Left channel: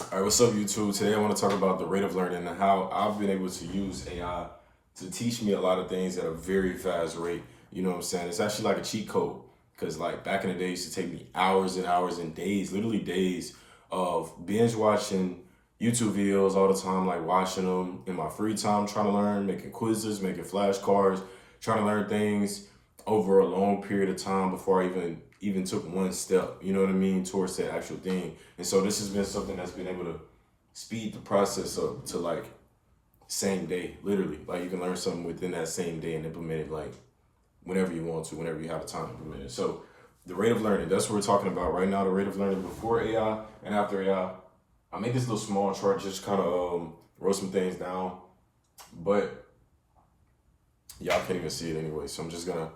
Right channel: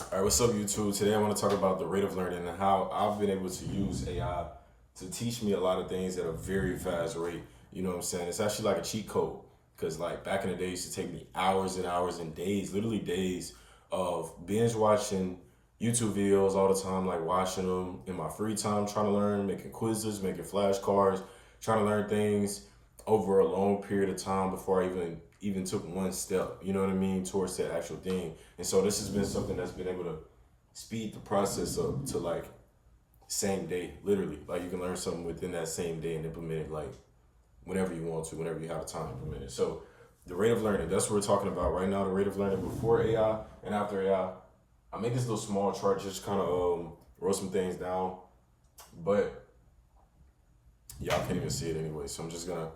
All right, what's up, YouTube? Today I want to talk about the rate of learning and how I've been able to use AI to teach me a lot of things at a very fast rate. You know what I'm saying? It's actually like a cheat code because, like, back in the day, it used to take me hours and hours and days, literally days, of binge watching YouTube videos all the time, like watching them in my free time, trying to learn, making quizzes, making flashcards, trying to learn things over a long period of time before I even took one step, you know what I mean, towards that actual thing. And so this has been something that's been able to speed the process up to like same day, literally. Like you can learn something within that same day and implement it like whenever you want to, whenever you have the time to implement it. So the rate of learning, that's what we're talking about right now, the rate of learning before AI and after AI. I make this little small chart, just kind of wrote some things down, but y'all can't even see it anyway. So I'm just gonna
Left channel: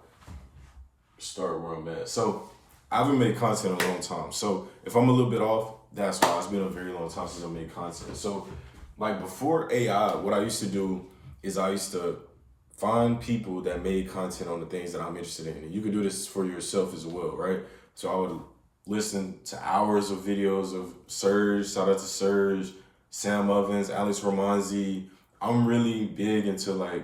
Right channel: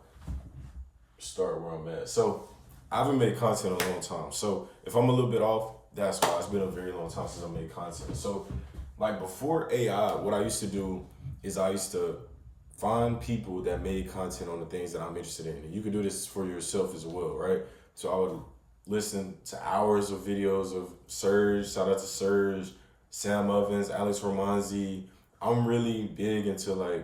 start where I'm at. So I haven't made content in a long time. So if I'm a little bit off, that's why. It's been a very long time since I made content. So like before AI, what I used to do is I used to find people that made content on the things that I'm interested in. And you can do this for yourself as well, right? So I would listen to hours of videos of Serge, shout out to Serge, Sam Ovens, Alex Ramonzi. I'm really big into like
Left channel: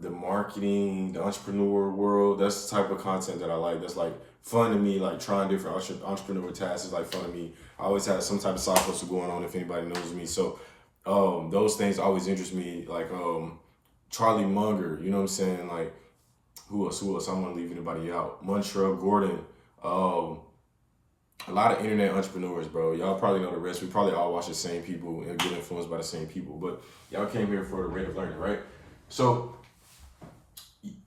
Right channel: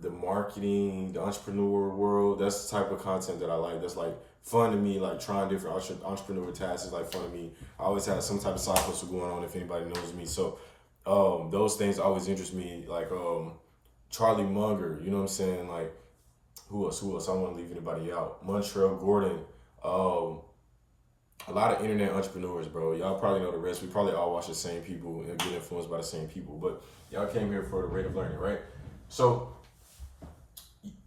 the marketing, the entrepreneur world. That's the type of content that I like. That's like fun to me, like trying different entrepreneur tasks is like fun to me. I always had some type of side hustle going on if anybody knows me. So those things always interest me. Like Charlie Munger, you know what I'm saying? Like who else? I don't want to leave anybody out. Montreal Gordon, um, a lot of internet entrepreneurs, bro. Y'all probably know the rest. We probably all watch the same people and get influenced by the same people. But y'all came here for the rate of learning, right? So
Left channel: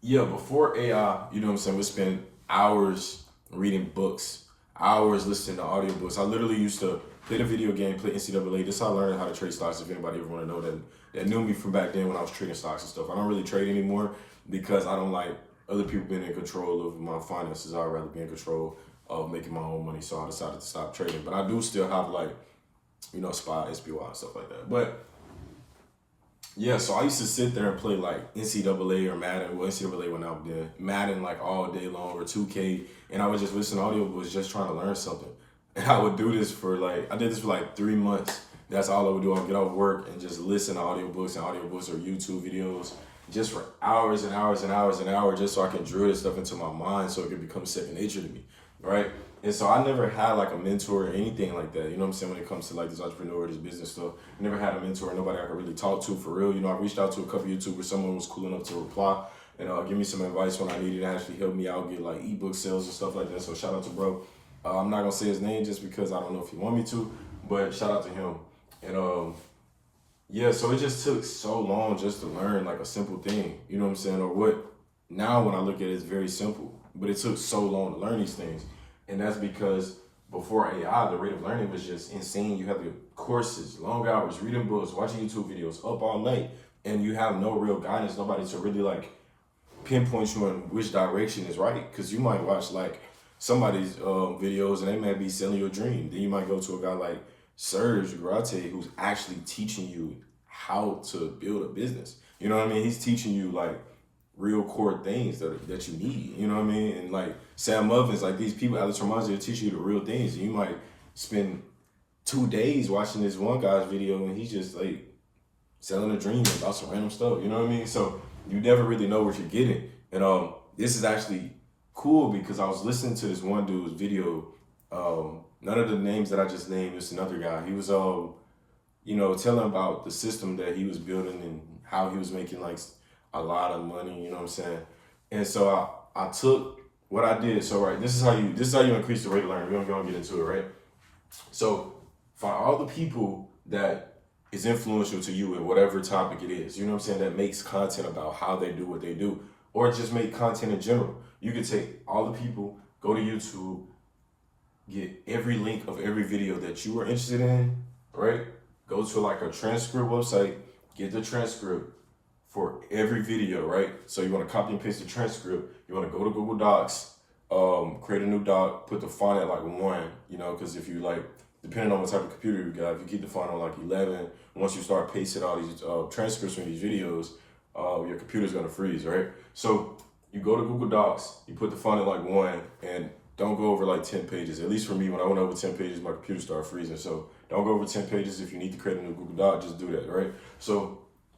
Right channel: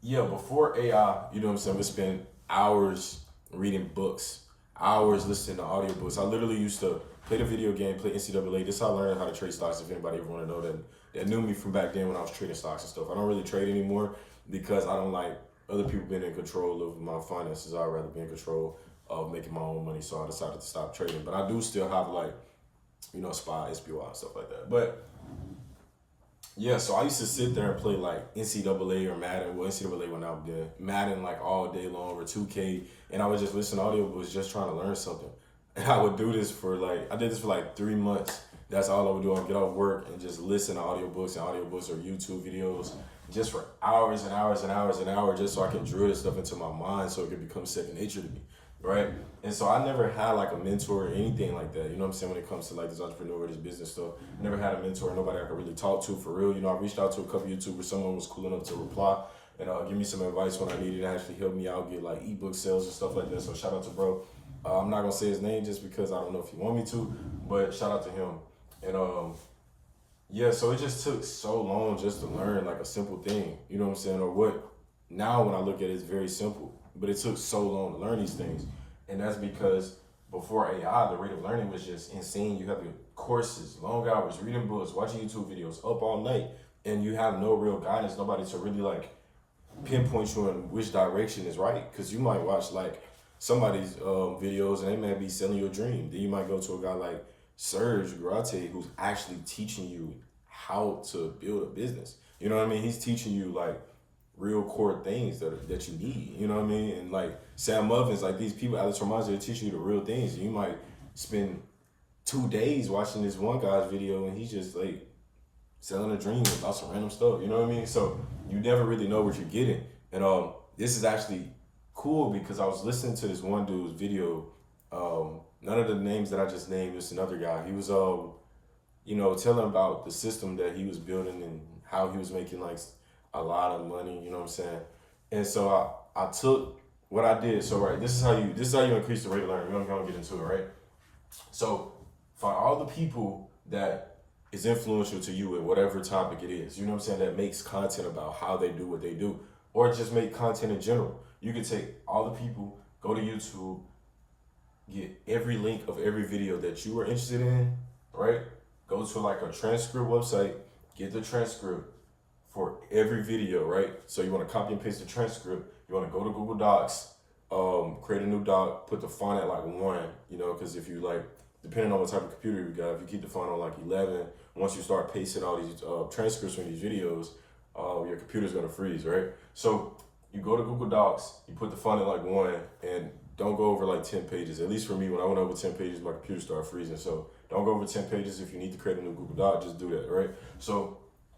yeah, before AI, you know what I'm saying, we spend hours reading books, hours listening to audiobooks. I literally used to play the video game, play NCAA. This is how I learned how to trade stocks, if anybody ever want to know that knew me from back then when I was trading stocks and stuff. I don't really trade anymore because I don't like other people being in control of my finances. I'd rather be in control of making my own money. So I decided to stop trading. But I do still have like, SPY, SPY and stuff like that. But yeah, so I used to sit there and play like NCAA or Madden. Well, NCAA went out then. Madden like all day long or 2K. And I would just listen to audiobooks just trying to learn something. And I would do this for I did this for like 3 months. That's all I would do. I would get off work and just listen to audiobooks or YouTube videos just for hours and hours and hours and hours just so I can drill this stuff into my mind so it could become second nature to me, right? And so I never had like a mentor or anything like that. You know what I'm saying? When it comes to like this entrepreneur, this business stuff, I never had a mentor, nobody I could really talk to for real. I reached out to a couple YouTubers, someone was cool enough to reply and give me some advice when I needed and actually help me out, get like ebook sales and stuff like that. So shout out to bro. I'm not gonna say his name just because I don't know if he want me to, but shout out to him. And yeah, so it just took so long just to learn like a simple thing, you know what I'm saying? Or what now when I look at it, it's very simple, but it took so long to learn these things. And that's because before AI, the rate of learning was just insane. You have your courses, long hours, reading books, watching YouTube videos, up all night, and you have no real guidance, nobody to really like pinpoint you in which direction is right. Because you might watch like somebody's videos and they might be selling you a dream. Then you might go to a guy like Serge Grate who's actually teaching you how to build a business. You know what I mean? He's teaching you like real core things that you need. You know what I mean? And like Sam Ovens, like these people, Alex Ramonzi, to teach you the real things. And you might spend 2 days watching this one guy's video and he's just like selling a dream about some random stuff. You know what I mean? So you never really know what you're getting. And this is actually cool because I was listening to this one dude's video. None of the names that I just named, just another guy. He was telling about the system that he was building and how he was making like a lot of money, you know what I'm saying? And so I took what I did. So right, this is how you increase the rate of learning. We're gonna get into it, right? So for all the people that is influential to you in whatever topic it is, you know what I'm saying, that makes content about how they do what they do, or just make content in general. You could take all the people, go to YouTube, get every link of every video that you are interested in, right? Go to like a transcript website, get the transcript for every video, right? So you want to copy and paste the transcript. You want to go to Google Docs, create a new doc, put the font at like 1, because if you like, depending on what type of computer you got, if you keep the font on like 11, once you start pasting all these transcripts from these videos, your computer's gonna freeze, right? So you go to Google Docs, you put the font at like 1, and don't go over like 10 pages. At least for me, when I went over 10 pages, my computer started freezing. So Don't go over 10 pages. If you need to create a new Google Doc, just do that, right? So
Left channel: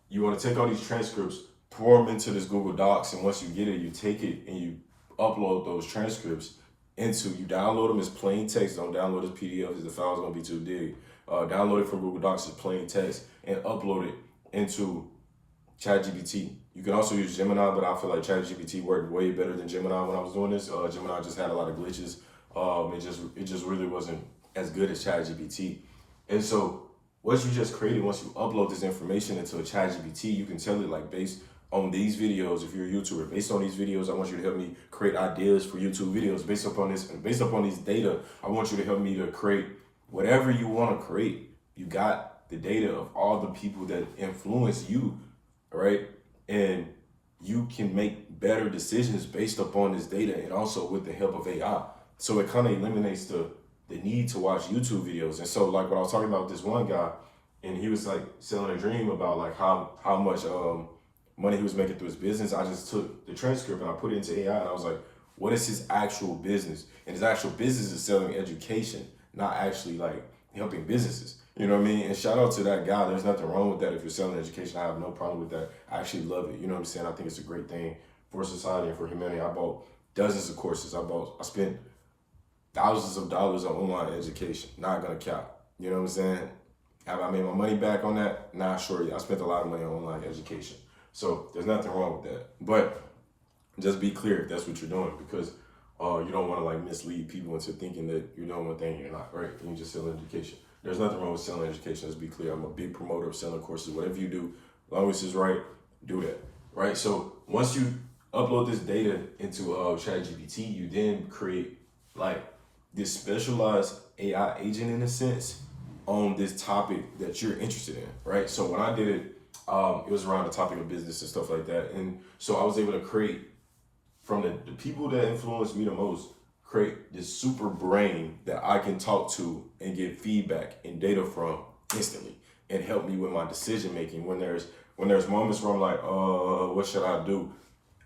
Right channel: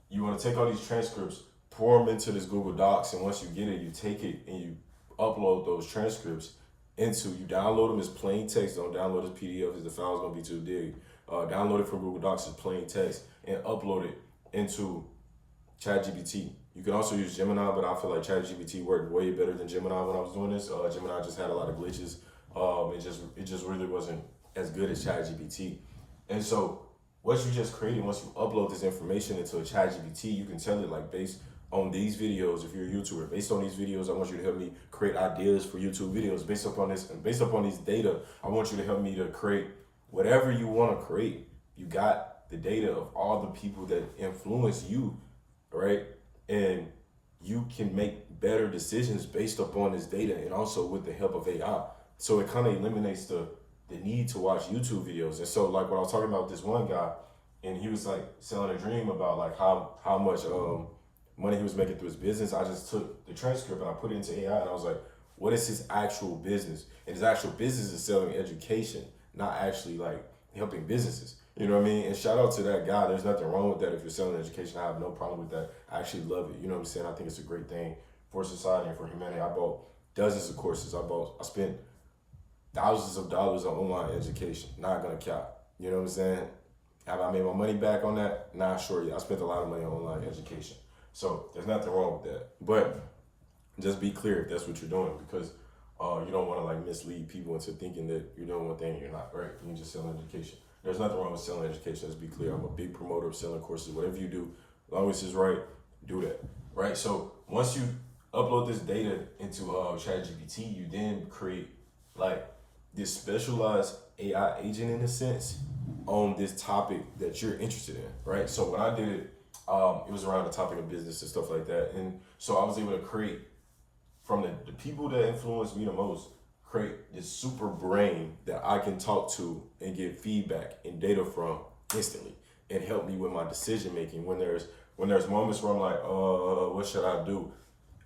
you want to take all these transcripts, pour them into this Google Docs, and once you get it, you take it and you upload those transcripts you download them as plain text. Don't download as PDF because the file's gonna be too big. Download it from Google Docs as plain text and upload it into ChatGPT. You can also use Gemini, but I feel like ChatGPT worked way better than Gemini when I was doing this. Gemini just had a lot of glitches. It just really wasn't as good as ChatGPT. And so what you just created, once you upload this information into a ChatGPT, you can tell it like, based on these videos, if you're a YouTuber, based on these videos, I want you to help me create ideas for YouTube videos. Based upon this, and based upon these data, I want you to help me to create whatever you want to create. You got the data of all the people that influence you, right? And you can make better decisions based upon this data, and also with the help of AI. So it kind of eliminates the need to watch YouTube videos. And so like what I was talking about with this one guy, and he was like selling a dream about like how much money he was making through his business. I just took the transcript and I put it into AI, and I was like, what is his actual business? And his actual business is selling education, not actually like helping businesses. You know what I mean? And shout out to that guy. There's nothing wrong with that. If you're selling education, I have no problem with that. I actually love it. You know what I'm saying? I think it's a great thing for society and for humanity. I bought dozens of courses. I spent thousands of dollars on online education. Not gonna cap. You know what I'm saying? Have I made my money back on that? Not sure yet. I spent a lot of money on online education. So there's nothing wrong with that. But just be clear if that's what you're doing, because you don't want to like mislead people into thinking that you're doing one thing and you're not, right? And you just selling education. There's nothing wrong with selling education. Let's be clear. I'm a big promoter of selling courses. Whatever you do, as long as it's right, do that, right? So once you upload this data into ChatGPT, you then create like this specialized AI agent in a sense on this topic that you're interested in, right? So when I did it, it was around the topic of business and stuff like that. And so I was able to create, from the people that influenced me the most, create this super brain that I can talk to and get feedback and data from instantly, and help me with my decision making. When there's moments where I'm like, what should I do?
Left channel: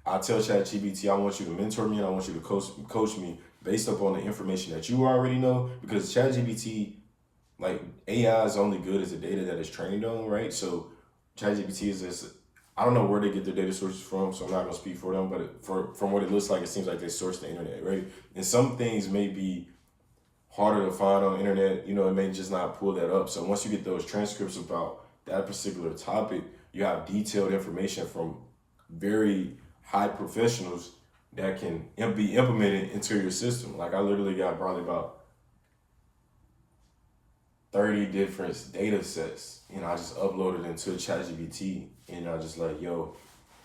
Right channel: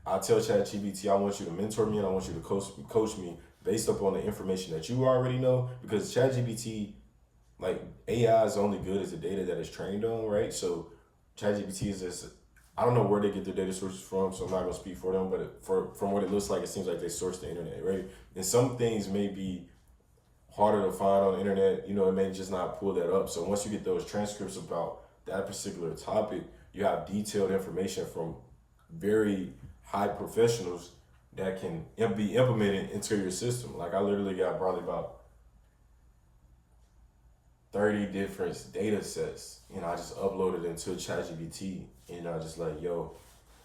I tell ChatGPT, I want you to mentor me and I want you to coach me based upon the information that you already know, because ChatGPT, like AI is only good as the data that it's trained on, right? So ChatGPT is this, I don't know where they get their data sources from, so I'm not gonna speak for them, but from what it looks like, it seems like they source the internet, right? And some things may be harder to find on the internet, you know, it may just not pull that up. So once you get those transcripts about that particular topic, you have detailed information from very high professionals that can be implemented into your system. Like I literally got probably about 30 different data sets. You know, I just uploaded into ChatGPT, and I just like, yo,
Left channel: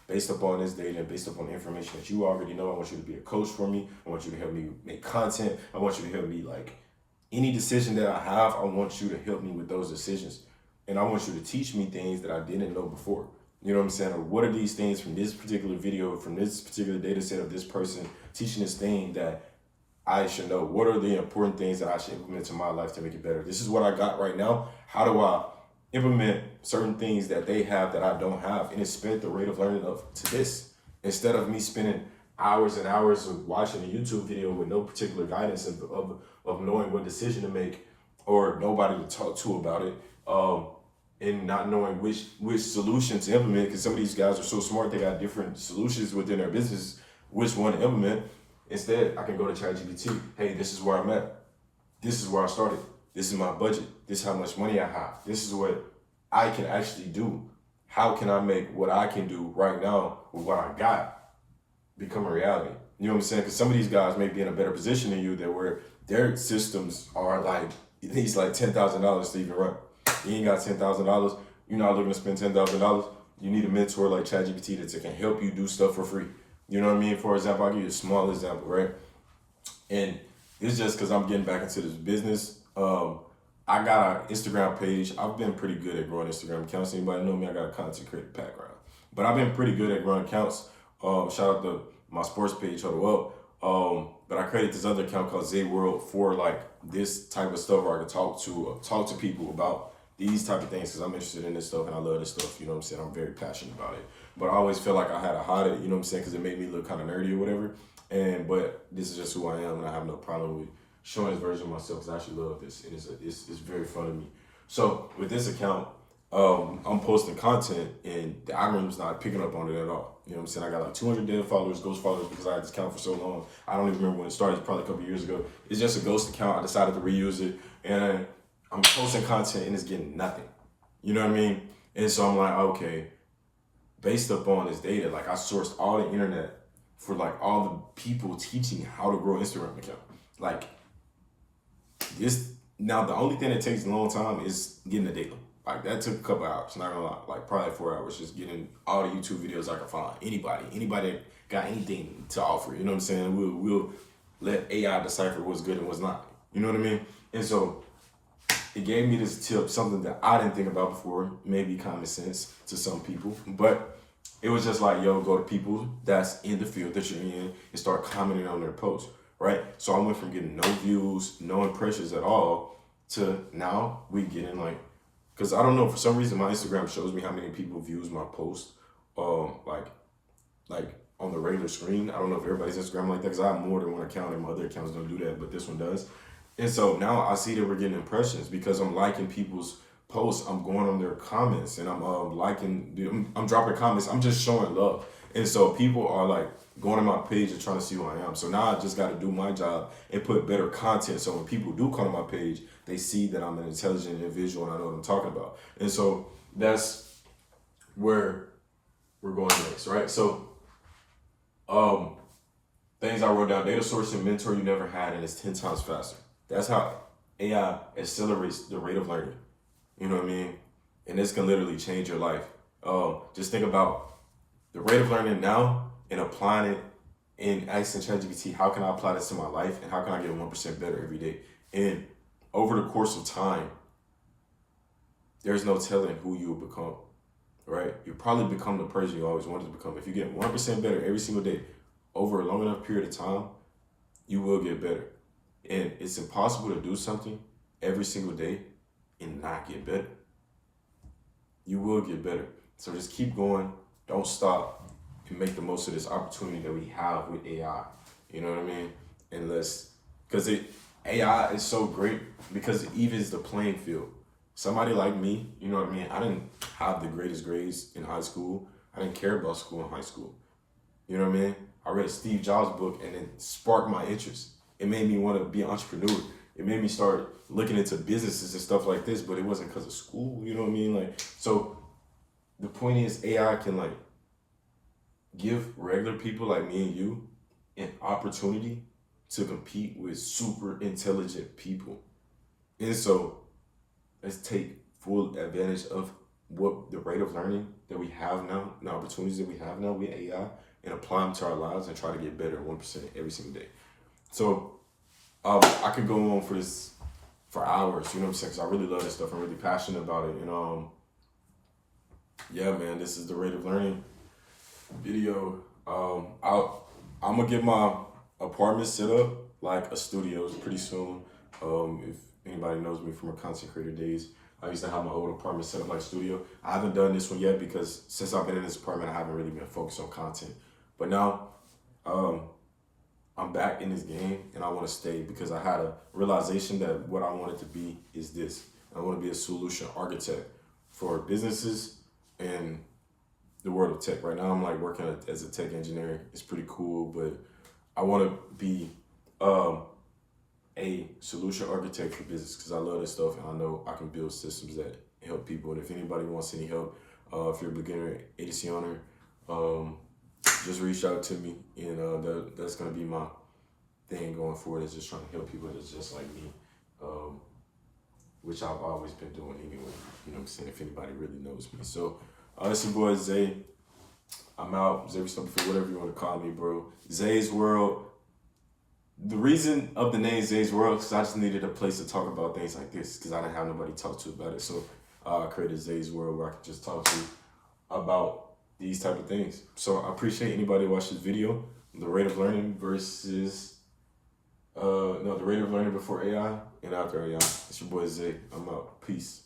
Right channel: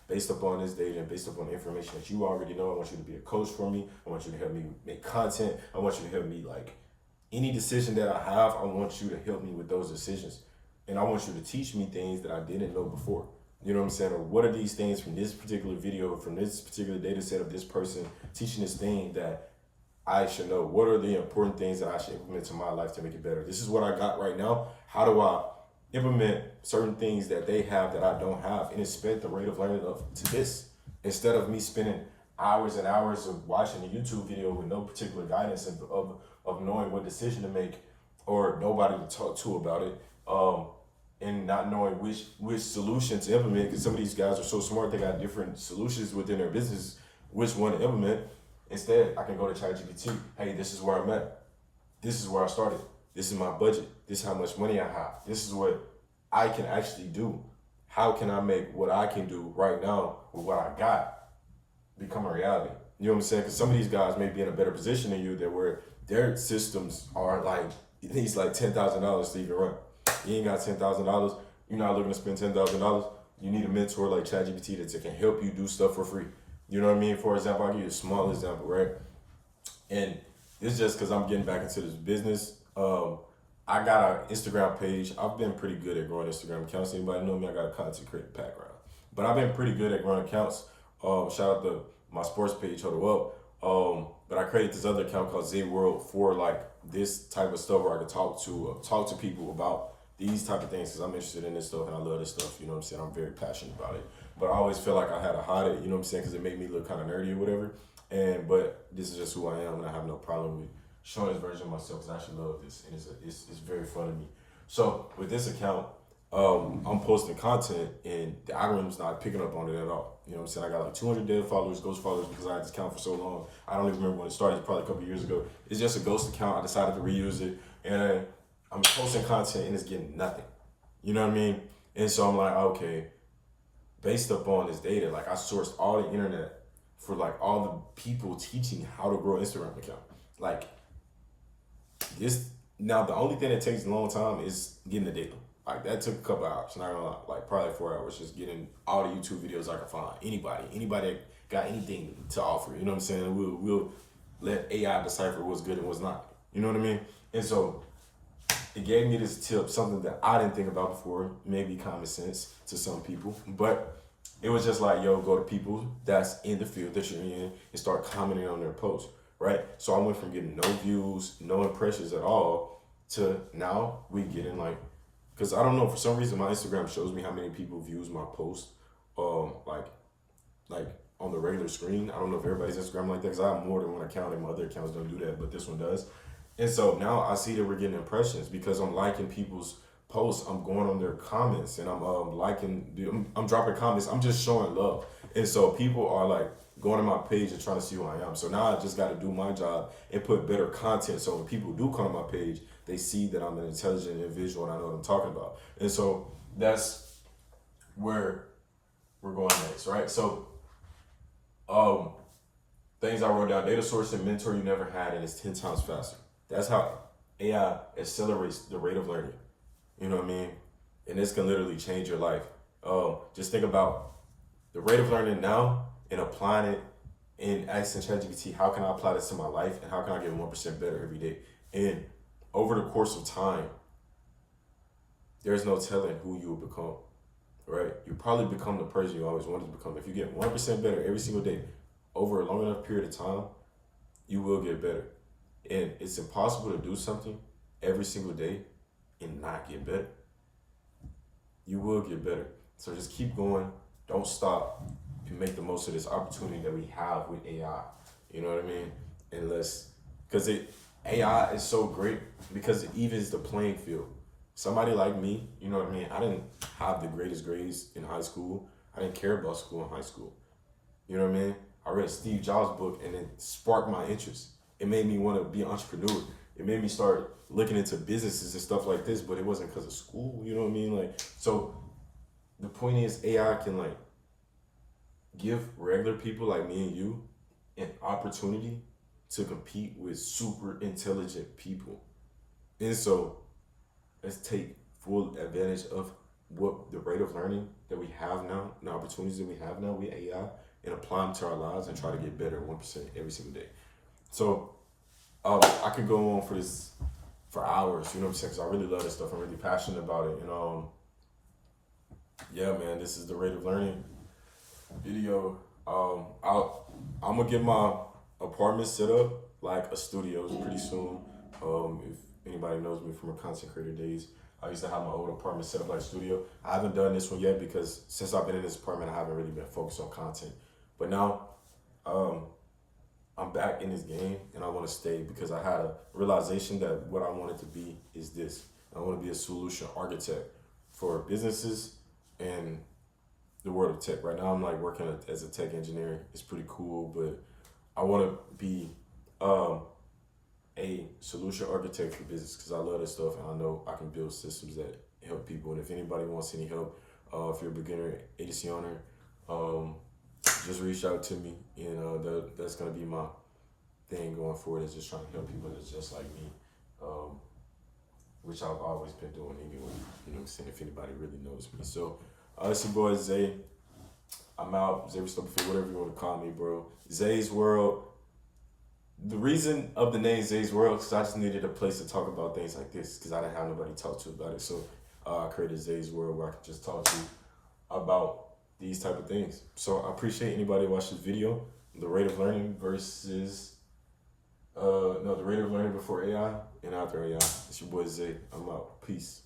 based upon this data and based upon the information that you already know, I want you to be a coach for me. I want you to help me make content. I want you to help me, like, any decision that I have, I want you to help me with those decisions. And I want you to teach me things that I didn't know before. You know what I'm saying? Or what are these things from this particular video, from this particular data set of this person teaching this thing that I should know? What are the important things that I should implement to my life to make it better? This is what I got right now. How do I implement certain things that they have that I don't have, and expect the rate of learning to this, instead of me spending hours and hours of watching a YouTube video with no particular guidance of knowing what decision to make, or nobody to talk to about it, and not knowing which solution to implement, because some of these guys are so smart, they got different solutions within their business, which one to implement. Instead, I can go to ChatGPT. Hey, this is where I'm at. This is where I started. This is my budget. This is how much money I have. This is what I can actually do. How can I make what I can do right now with what I got become a reality? You know what I'm saying? Because some of these guys may be in a better position than you, that where their systems are like, it needs like $10,000 to even run. You ain't got $10,000. You're not looking to spend $10,000. You need a mentor like ChatGPT that can help you do stuff for free. You know what I mean? For example, I'll give you a small example, right? And it's just because I'm getting back into this business. I got an Instagram page. I've been pretty good at growing Instagram accounts. Anybody know me? I got a content creator background. But I've been pretty good at growing accounts. Shout out to my sports page, hold up. But I created this other account called Z World for like this type of stuff where I can talk to people about these type of things, because I'm interested in this stuff and I love this stuff. You know what I'm saying? I'm very passionate about it. But I always feel like I had to hide it, you know what I'm saying? Because it made me look kind of nerdy or whatever. But this is just who I am, and I have no problem with showing this version of myself because I actually love this and it's very fun to me. So with this account, I'm posting content and the algorithm's not picking up on it at all. You know what I'm saying? I got like 200 dead followers, ghost followers, because I had this account for so long. I don't even remember when it started. It's probably a couple years ago. It's just a ghost account. I decided to reuse it, and I'm posting content and it's getting nothing. You know what I mean? And so I'm like, okay, based upon this data, like I sourced all the internet for like all the people teaching how to grow an Instagram account. Like this, now the only thing that takes a long time is getting the data. Like that took a couple hours, not gonna lie. Like probably 4 hours just getting all the YouTube videos I can find. Anybody that got anything to offer, you know what I'm saying? We'll let AI decipher what's good and what's not. You know what I mean? And so it gave me this tip, something that I didn't think about before, maybe common sense to some people, but it was just like, yo, go to people that's in the field that you're in and start commenting on their posts, right? So I went from getting no views, no impressions at all, to now we getting like, because I don't know, for some reason my Instagram shows me how many people views my post, like on the regular screen. I don't know if everybody's Instagram like that because I have more than one account and my other accounts don't do that, but this one does. And so now I see that we're getting impressions because I'm liking people's posts. I'm going on their comments and I'm I'm dropping comments. I'm just showing love. And so people are like going to my page and trying to see who I am. So now I just got to do my job and put better content. So when people do come to my page, they see that I'm an intelligent individual and I know what I'm talking about. And so that's where we're going next, right? So things I wrote down: data source and mentor you never had, and it's 10 times faster. That's how AI accelerates the rate of learning. You know what I mean? And this can literally change your life. Just think about the rate of learning now and applying it and asking ChatGPT, how can I apply this to my life and how can I get 1% better every day? And over the course of time, there's no telling who you will become, right? You probably become the person you always wanted to become. If you get 1% better every single day over a long enough period of time, you will get better. And it's impossible to do something every single day and not get better. You will get better. So just keep going. Don't stop and make the most of this opportunity that we have with AI. You know what I mean? Because AI is so great because it evens the playing field. Somebody like me, you know what I mean? I didn't have the greatest grades in high school. I didn't care about school in high school. You know what I mean? I read a Steve Jobs book and it sparked my interest. It made me want to be an entrepreneur. It made me start looking into businesses and stuff like this, but it wasn't because of school, you know what I mean? Like, so the point is AI can like give regular people like me and you an opportunity to compete with super intelligent people. And so let's take full advantage of what the rate of learning that we have now, and the opportunities that we have now with AI, and apply them to our lives and try to get better 1% every single day. So I could go on for this for hours, you know what I'm saying? Because I really love this stuff. I'm really passionate about it. And yeah, man, this is the rate of learning video. I'm gonna get my apartment set up like a studio pretty soon. If anybody knows me from my content creator days, I used to have my old apartment set up like a studio. I haven't done this one yet because since I've been in this apartment, I haven't really been focused on content. But now, I'm back in this game and I want to stay because I had a realization that what I wanted to be is this. I want to be a solution architect for businesses and the world of tech. Right now I'm like working as a tech engineer. It's pretty cool, but I want to be a solution architect for business because I love this stuff and I know I can build systems that help people. And if anybody wants any help, if you're a beginner agency owner, just reach out to me, and that's gonna be my thing going forward. Is just trying to help people that's just like me, which I've always been doing anyway. You know what I'm saying? If anybody really knows me, so it's your boy Zay. I'm out. Zay for whatever you want to call me, bro. Zay's World. The reason of the name Zay's World is because I just needed a place to talk about things like this because I didn't have nobody to talk to about it. So I created Zay's World where I could just talk to you about these type of things. So I appreciate anybody who watched this video. The rate of learning versus the rate of learning before AI and after AI. It's your boy Zay. I'm out. Peace.